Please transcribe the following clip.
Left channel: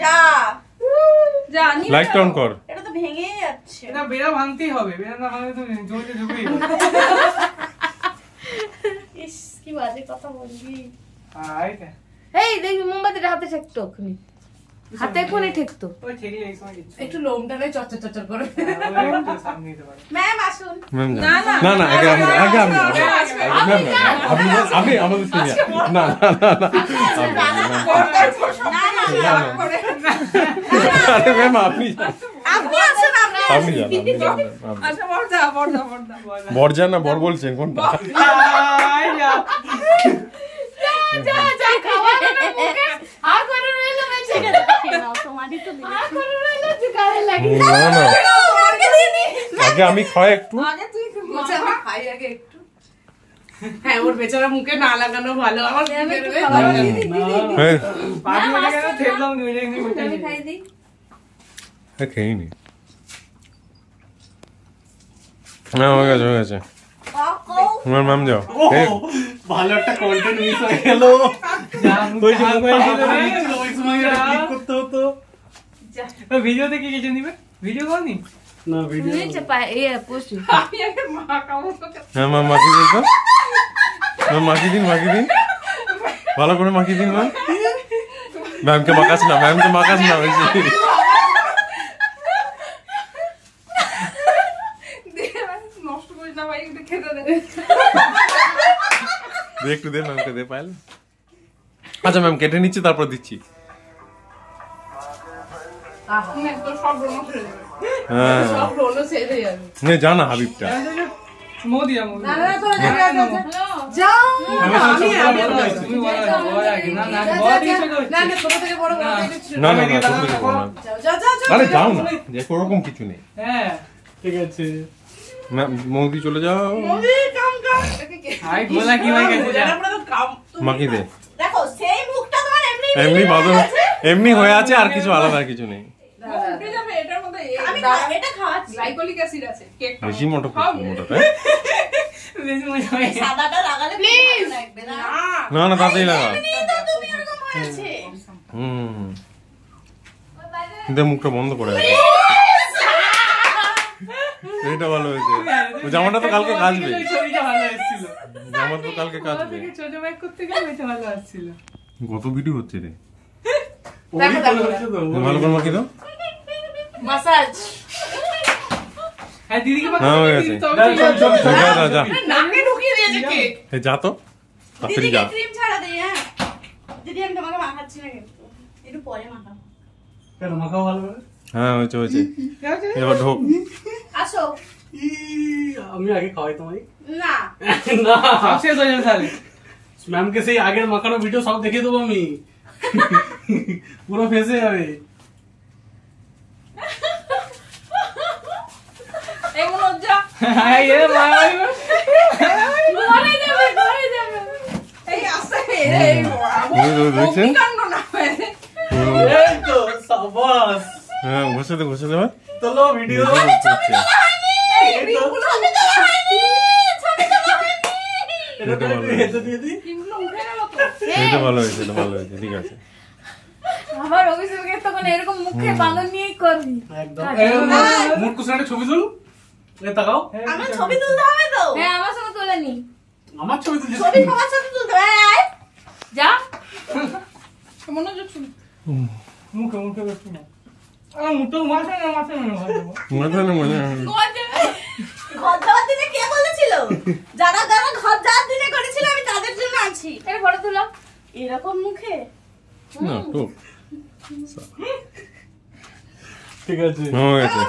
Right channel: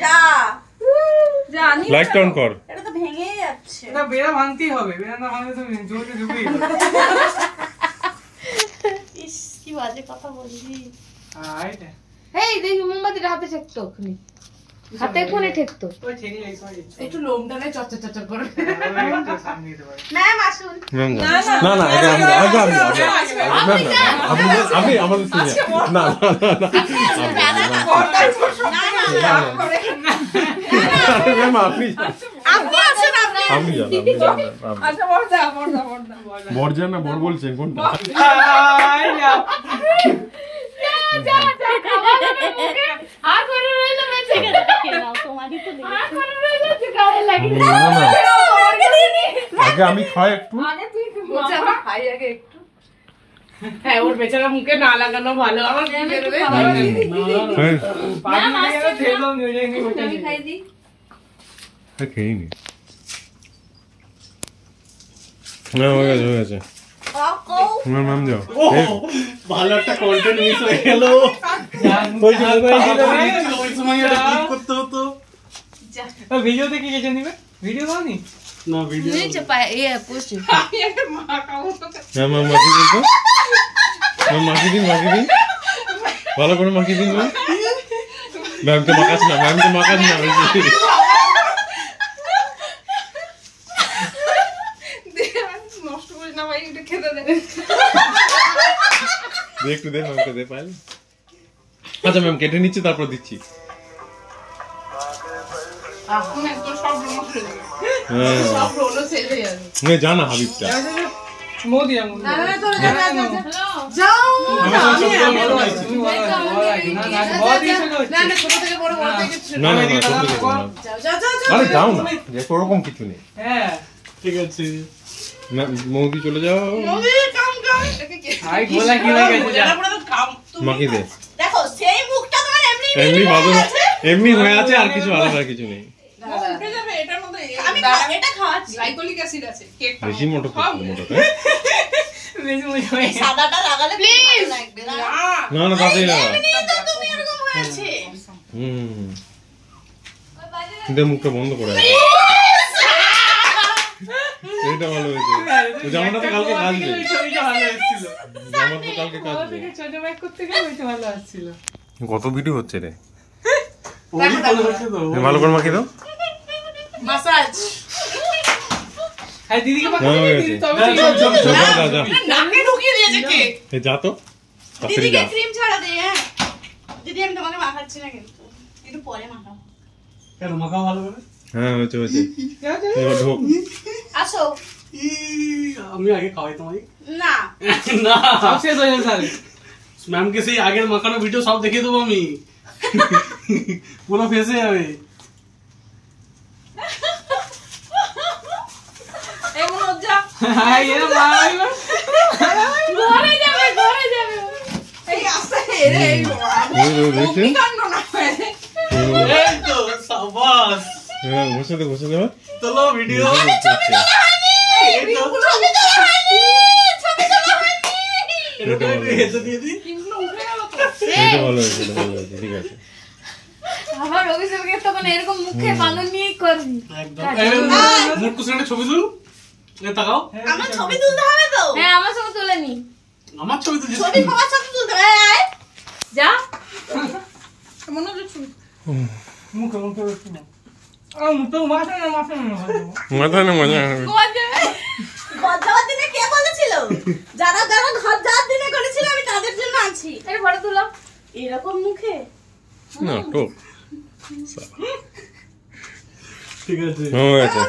যা যা নি লাইট অন কর। এটা তো ভেঙেই যাচ্ছে। এটা বেড়া ভাঙতেই হবে, বেড়া না ভাঙলে তো জমিতে ঢুকেই যাবে। ইস কি বাজে কথা বললি। এইটা এই দেখি মোমবাতিটা হাতে ঠেকতো ওখানে, হাতে কোনে ঠেকতো। ওই ঠেকে এই সময় একটু লোমটা নাই চচ্চর চচ্চর করে। একটু সামনে দিতে পারে। ম্যাম আসুন। ম্যাম না না আগে আমি আমি আমাদের না ম্যাম আপনি আপনি জান। আচ্ছা বড়দা বরজান না বর বলছেন কোনটা? যা যা খাওয়া না মুখে আর করে রইলো বেঁচে গেছে। তোমারই তো আর করে রইলো যে গায়ে লাগি। আগে আমি খাই একটু। আগে তুই মোচা খাই আগে একটু। হ্যাঁ ওর বেচারা মুখে না লাগানো ভালো, আমার কি বেরোবে? পানি হয়ে গেল ঠেললাম গড়ে নি ওটা। আমি খাই দি। খেয়ে নি। না হয়ে গেছে। ম্যাম যাও। ভালো একটা কন্টেন্ট মিস হয়ে গেল। ওই সময় এটা ক্লিক করতে হতো। ভিডিও দেখে গেছে নিবে, ভিডিও করনি না ভিডিও নিচে পায় এই পোস্ট। আমি একটা মা কামো তো। হ্যাঁ ম্যাম মাখি দিন তো। ম্যাম মাখি দিন ভালো করে মাখি দিন ম্যাম। ম্যামকে মাখাস না বেশি। নষ্ট করিস না ভাই, একটু খেতে দে। একটু দে ম্যামকে দে পাইল। আচ্ছা ম্যাম কেটে নিচ্ছি তারপর দিচ্ছি। হ্যাঁ জানা হাবিবটা মোদিয়া যাও তুমি বলো না না বড় দিকে চলে না না ছোট থেকে বড় বড় থেকে না আরে যাও না যে ওরকম কিছু নেই। হ্যাঁ ঠিক আছে ম্যাম মোদি চলে যাও। আই গোলা কি হয়ে গেছে যা মাখি দে। দেখো সেই মুখটা তোমার এমনি ভাবে এমনি হয়ে আছে আর কিছু আলাদা কিছু নেই। উঠে যাবে এটার মধ্যে। আমি এটা খাওয়াচ্ছি। গ্লাইকোলিক অ্যাসিড আছে কেক বেশি মোটা মোটা বেশি মজা হয়। সাদাটা লাগালে প্লিজ লাগবে না। না তাতেই না। তুমি এরকম হয়ে আছে। কিন্তু মুখটা বন্ধ করে আছে। এইটা ভালো হয়েছে। জামাটা তো কালকে কাচবে। ওই ছবিটা ভালো এসেছিল। জামা তো কালকে কাচবে। ছোট ব্যাগ করতে গেলে ওইটা ভালো আসছিল। কত ভিডিও হচ্ছে রে। ওই ভালো হচ্ছে তো। ভালো করে মাখি দাও। মাসাজ হ্যাঁ দিদিকে হ্যাঁ হয়ে গেছে। যা নাকে ঢুকিয়ে দিয়েছে কেক। এই যা তো তাড়াতাড়ি দিদিকে যা। ক্রিম ছাড়া দে। হ্যাঁ দিদি আমি তোমাকে মাখাচ্ছি না কিন্তু একটু পরে মাখাবো। কেন মাখাও ভালো করে? হ্যাঁ হয়েছে এবার ঢোক। আসো। আমি আগে খাওয়াই তোমায়। না না সব শেষ হয়ে যাবে তাহলে। ম্যামকে সেই আগের মাখানো ভিডিও সব দেখিয়ে দেবো আমি। পুরো ফেসে যাবে। এমন লজ্জা। হ্যাঁ এ ভাই ঘরে যাবে এই আস্তে এই দেখছেন? কাণ্ড না হয়। এই তো সাবাস। হ্যাঁ ঘষে দে চলো ভিডিও। এই তো এগুলো আমি তো খাইনি। ছবি তো খাইনি। এটা ভালো এটা দিয়ে দিই। এগুলো উঠে গেল তো। এটা ভালো হয়েছে ঠিক আছে। আমার অভিষেকের তখন এরকম মুখে বাঁধন নিয়েই করবি। একদম মুড কুসনাটা ছবি তুল। এই তাকাও। আমার ছবি তুলতে হবে তো। হ্যাঁ আমার সঙ্গে তুলে নি। আমার ছবি তুলছিস। ছবি সবার সাথে তুলতে হবে। আয় যা মনে হচ্ছে ছবি। মুখে একটু না। মুখে মাথা না মাথা না মজা হবে। ঘর যাওয়ার দিনে কে বলেছিল? যারা ঘর যাওয়ার দিনে করেছিল আমি তাদের জন্য আছি। আরে বড় তুলো এরকম মুখে না তো ঠিক আছে হয়ে গেছে।